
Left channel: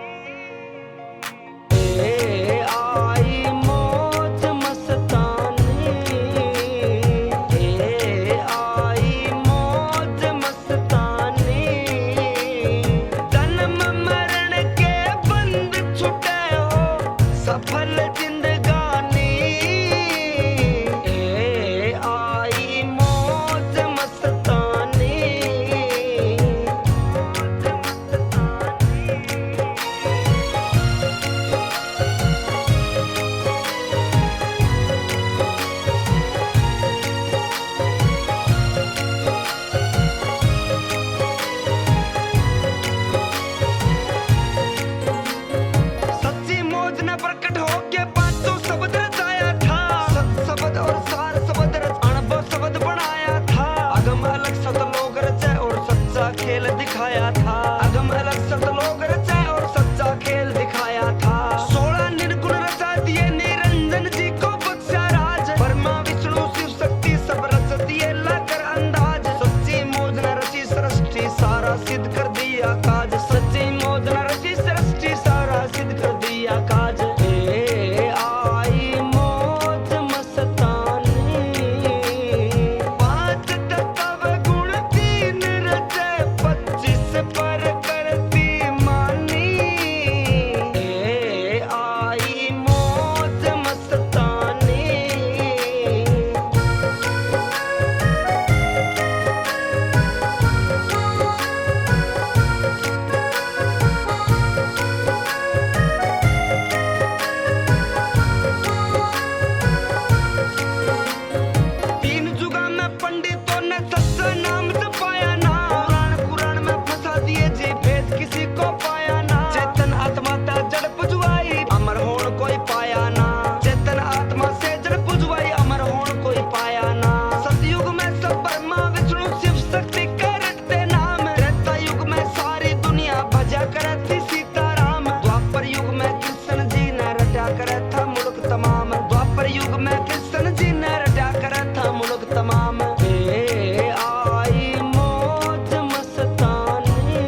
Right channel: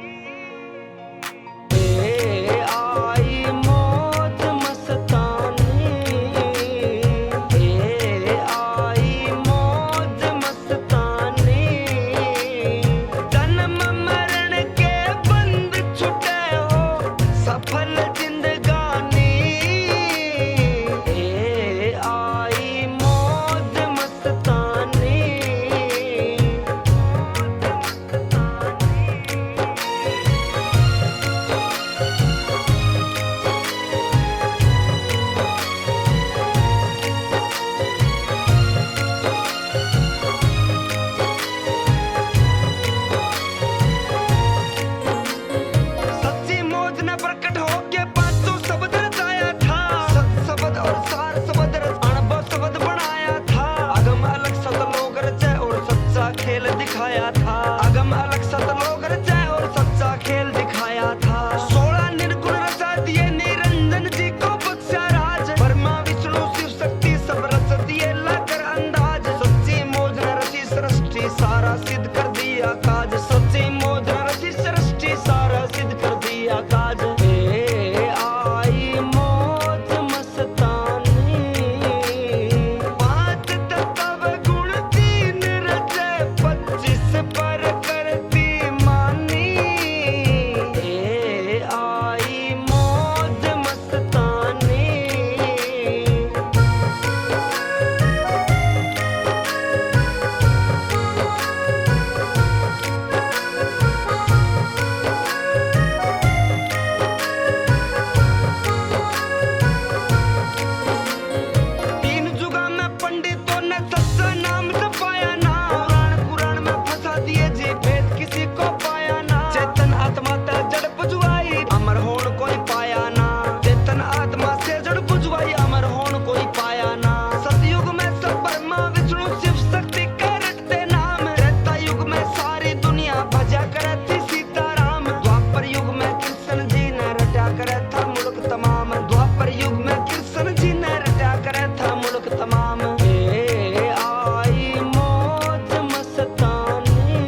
ए आई मौज मस्तानी, ए आई मौज मस्तानी। जन्म मरण के बंध छूटे हो, सफल जिंदगानी। ए आई मौज मस्तानी, मौज मस्तानी। सच्ची मौज ने प्रकट होके पांचों शब्द रचाया था। सत शब्द और सार शब्द रच अनुभव शब्द बनाया था। अगम अलग सतलोक रचे और सच्चा खेल दिखाया था। अगम अलग सतलोक रचे और सच्चा खेल दिखाया था। 16 निर्गुण रचा दिए निरंजन जी को बख्शा राज। ब्रह्मा विष्णु शिव शक्ति सब रच दिए लाकर अंदाज। सच्ची मौज ने रची सृष्टि सारा सिद्ध कर दिया काज। सच्ची मौज ने रची सृष्टि सारा सिद्ध कर दिया काज। ए आई मौज मस्तानी, 5 तत्व गुण 3 रचे, 25 पर करती मानी। ए आई मौज मस्तानी। तीन जुगा में पंडितों ने सच्चा नाम जपाया ना। कुरान में फंसा दिए जी भेद किसी को पाया ना। चेतन आत्मा ते जड़ बुझवाई, अमर होण कोई पाया ना। चेतन आत्मा से जड़ बुझवाई, अमर होण कोई पाया ना। सतयुग में सब ब्रह्मा विष्णु शिव शक्ति के रटते नाम। त्रेता युग में सारी दुनिया भजा करती सीताराम। द्वापर युग में कृष्ण जी ने रटा करे था मुल्क तमाम। द्वापर युग में कृष्ण जी ने रटा करे था मुल्क तमाम। ए आई मौज मस्तानी,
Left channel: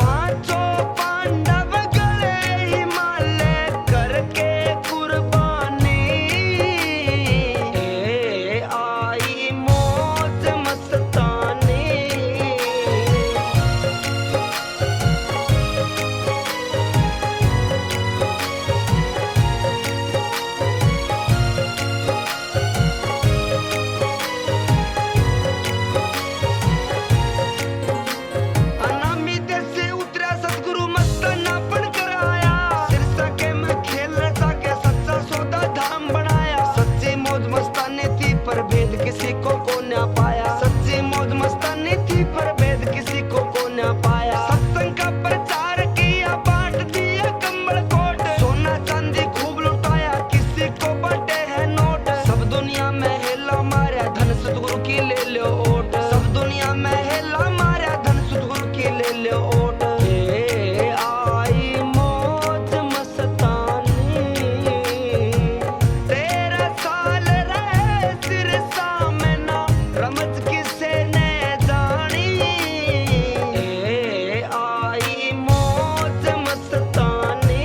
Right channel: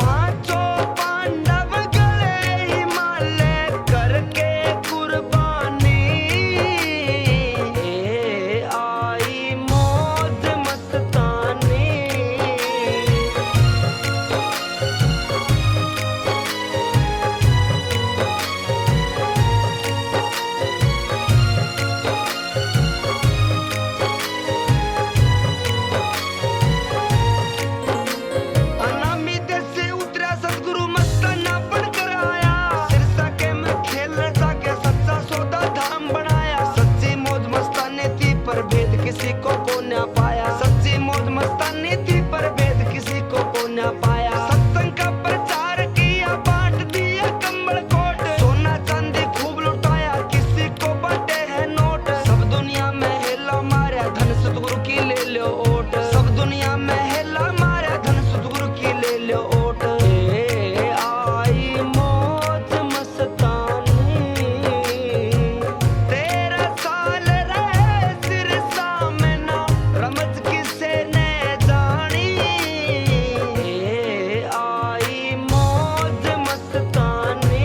पांचों पांडव गए हिमालय करके भेद किसी को न पाया। सच्ची मौज मस्तानी थी पर भेद किसी को न पाया। सत्संग का प्रचार किया, बांट दिया कंबल कोट, सोना चांदी खूब लुटाया, किसी को बांटे हैं नोट। सब दुनिया में हेला मारा, धन सतगुरु की ले लो ओट। सब दुनिया में हेला मारा, धन सतगुरु की ले लो ओट। ए आई मौज मस्तानी, 13 साल रहे सिरसा में ना, रमज किसे ने जानी। ए आई मौज मस्तानी।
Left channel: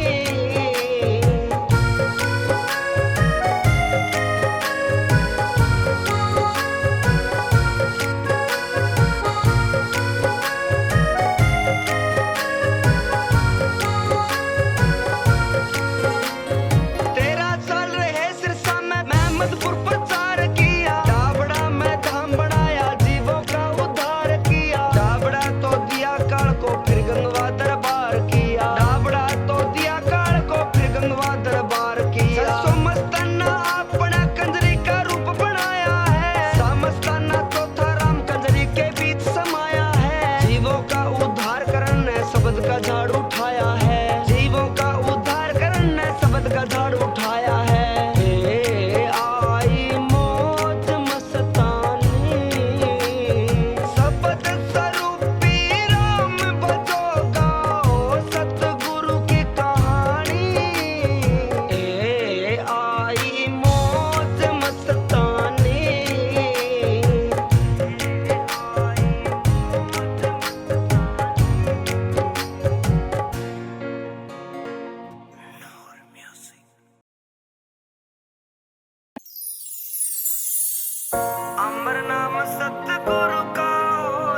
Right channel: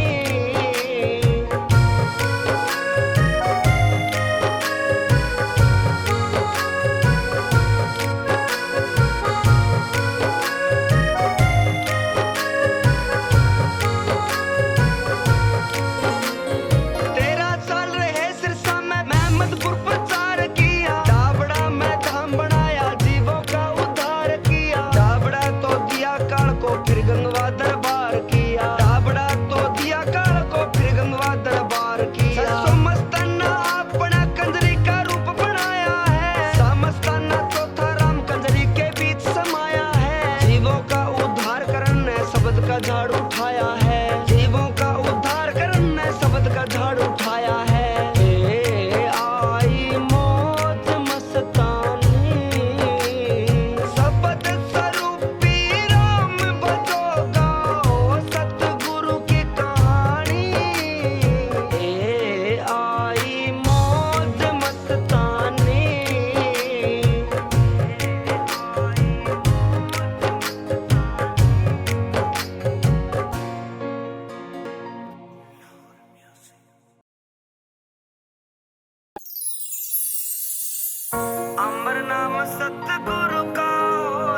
अहमदपुर प्रचार किया, डाबड़ा में धाम बनाया, जीवों का उद्धार किया। डाबड़ा तो दिया काल को, फिर गंगवा दरबार किया। डाबड़ा तो दिया काल को, फिर गंगवा दरबार किया। ससो मस्ताना अपना कंजरी का रूप बनाया है, सामस्ताना चौथा राम कंजरी के बीच समाया है। जीवों का उद्धार करने शब्द का झाड़ उठाया है, जीवों का उद्धार करने शब्द का झाड़ उठाया है। अमर नाम सतगुरु का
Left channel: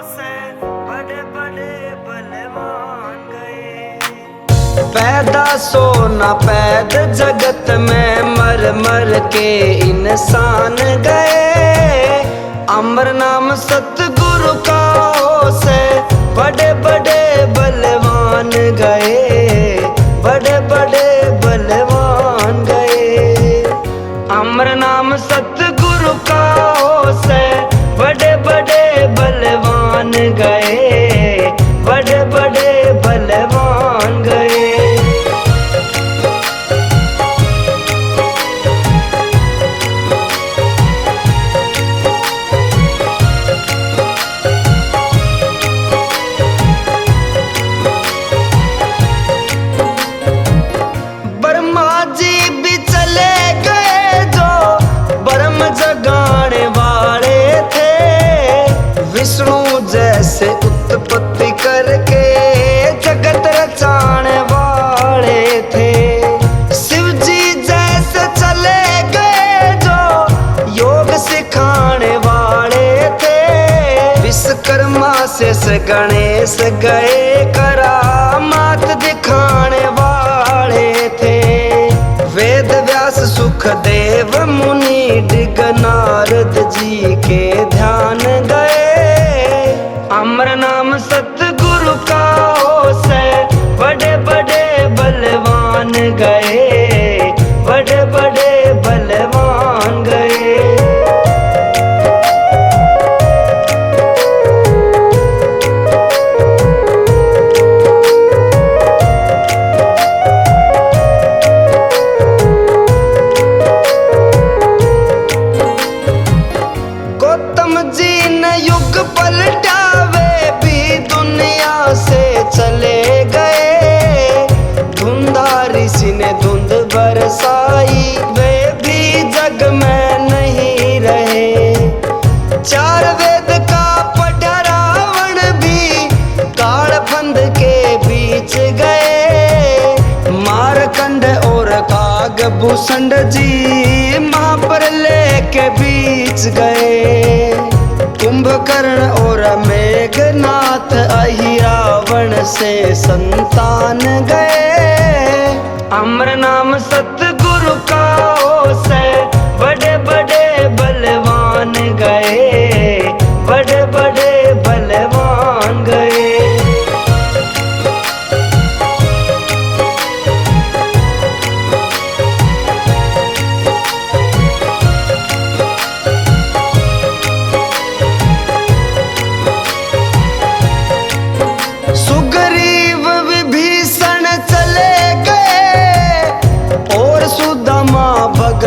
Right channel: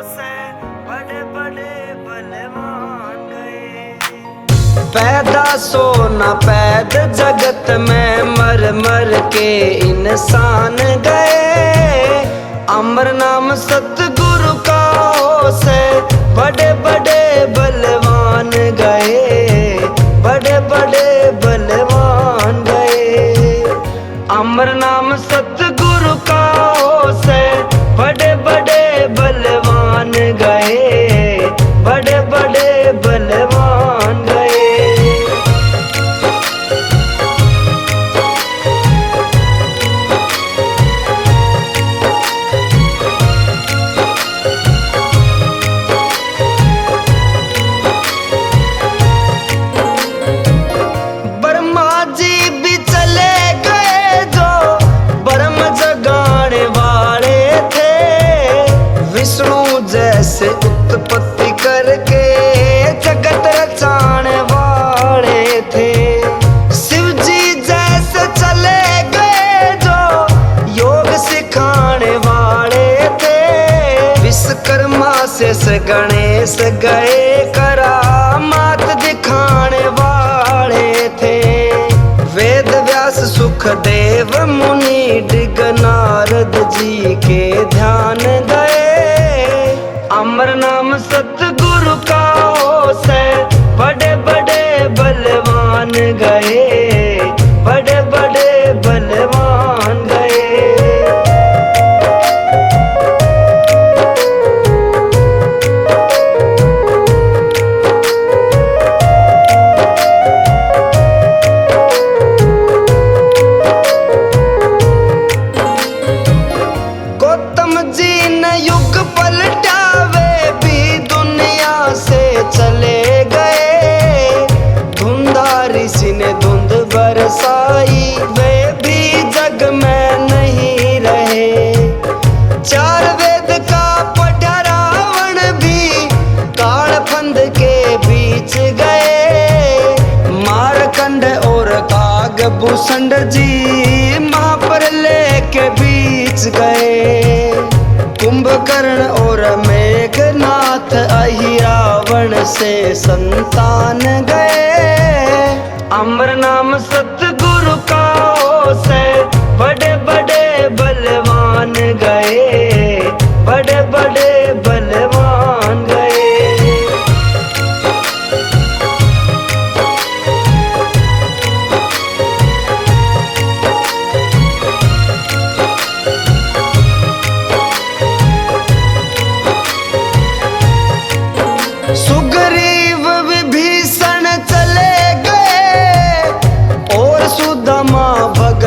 से बड़े बड़े बलवान गए। पैदा सो न पैद जगत में मर मर के इंसान गए। अमर नाम सतगुरु का से बड़े बड़े बलवान गए, बड़े बड़े बलवान गए। अमर नाम सतगुरु का से बड़े बड़े बलवान गए, बड़े बड़े बलवान गए। ब्रह्मा जी भी चले गए जो ब्रह्म जगाने वाले थे। विष्णु जैसे उत्पत्ति करके जगत रचाने वाले थे। शिव जी जैसे चले गए जो योग सिखाने वाले थे। विश्वकर्मा से गणेश गए करामात दिखाने वाले थे। वेद व्यास सुखदेव मुनि डिग नारद जी के ध्यान गए। अमर नाम सतगुरु का से बड़े बड़े बलवान गए, बड़े बड़े बलवान गए। युग पलटावे भी दुनिया से चले गए। धुंधा ऋषि ने धुंध बरसाई, वे भी जग में नहीं रहे। चार वेद का पढ़ा रावण भी काल फंद के बीच गए। मारकंड और कागभूषण जी महाप्रलय के बीच गए। कुंभकर्ण और मेघनाथ अहिरावण से संतान गए। अमर नाम सतगुरु का से बड़े बड़े बलवान गए, बड़े बड़े बलवान गए।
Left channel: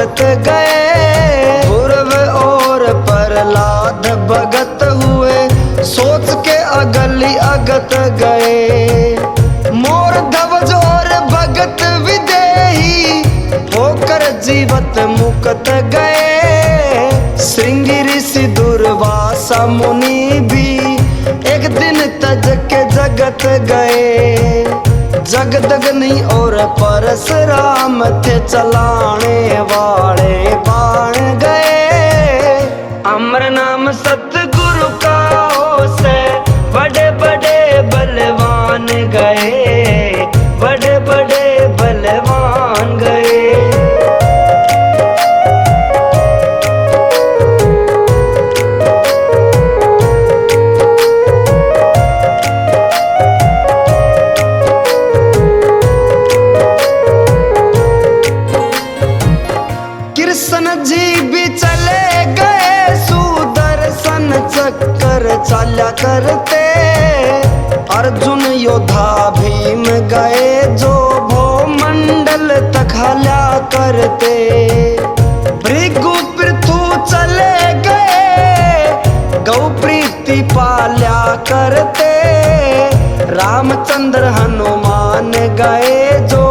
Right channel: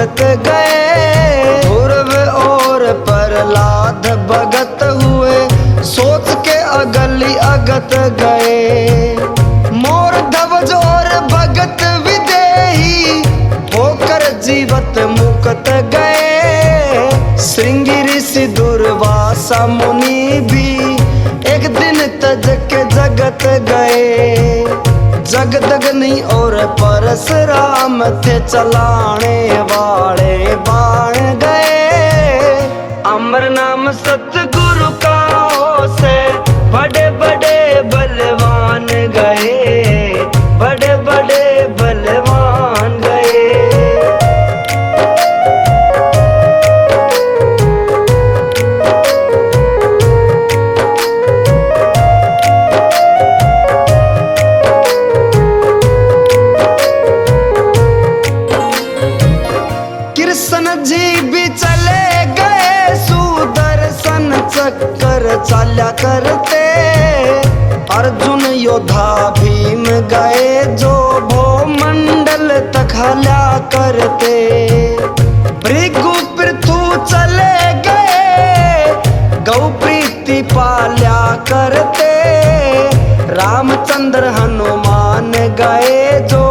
भगत गए। ध्रुव और प्रहलाद भगत हुए, सोच के अगली अगत गए। मोर ध्वज और भगत विदेही, होकर जीवत मुक्त गए। श्रृंगी ऋषि दुर्वासा मुनि भी, एक दिन तज के जगत गए। जगदग्नि और परशुराम थे, चलाने वाले बाण गए। अमर नाम सतगुरु का हो से, बड़े बड़े बलवान गए, बड़े बड़े बलवान गए। कृष्ण जी भी चले गए, सुदर्शन चक्कर चाल्या करते। अर्जुन योद्धा भीम गए, जो भूमंडल तखल्या करते। भृगु पृथु चले गए, गौ प्रीति पाल्या करते। रामचंद्र हनुमान गए, जो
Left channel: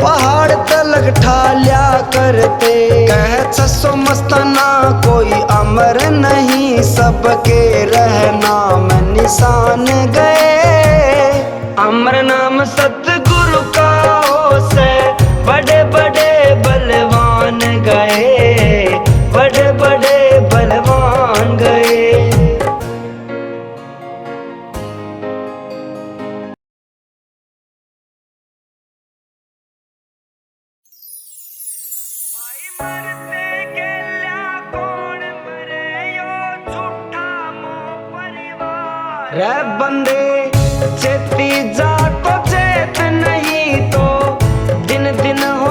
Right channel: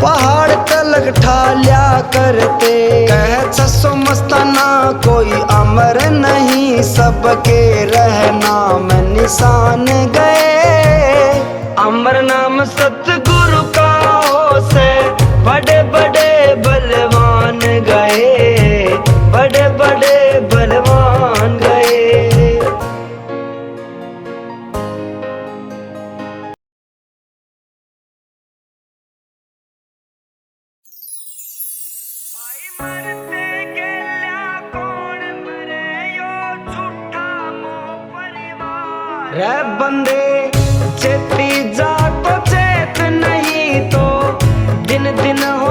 पहाड़ तलक ठाल्या करते। कह छसो मस्ताना कोई अमर नहीं, सबके रहना में निशान गए। अमर नाम सतगुरु का हो से, बड़े बड़े बलवान गए, बड़े बड़े बलवान गए। मरते गेल्या कौन मरे, यो झूठा मोह परिवार। रे बंदे चेती जा तो चेत नहीं तो, दिन दिन हो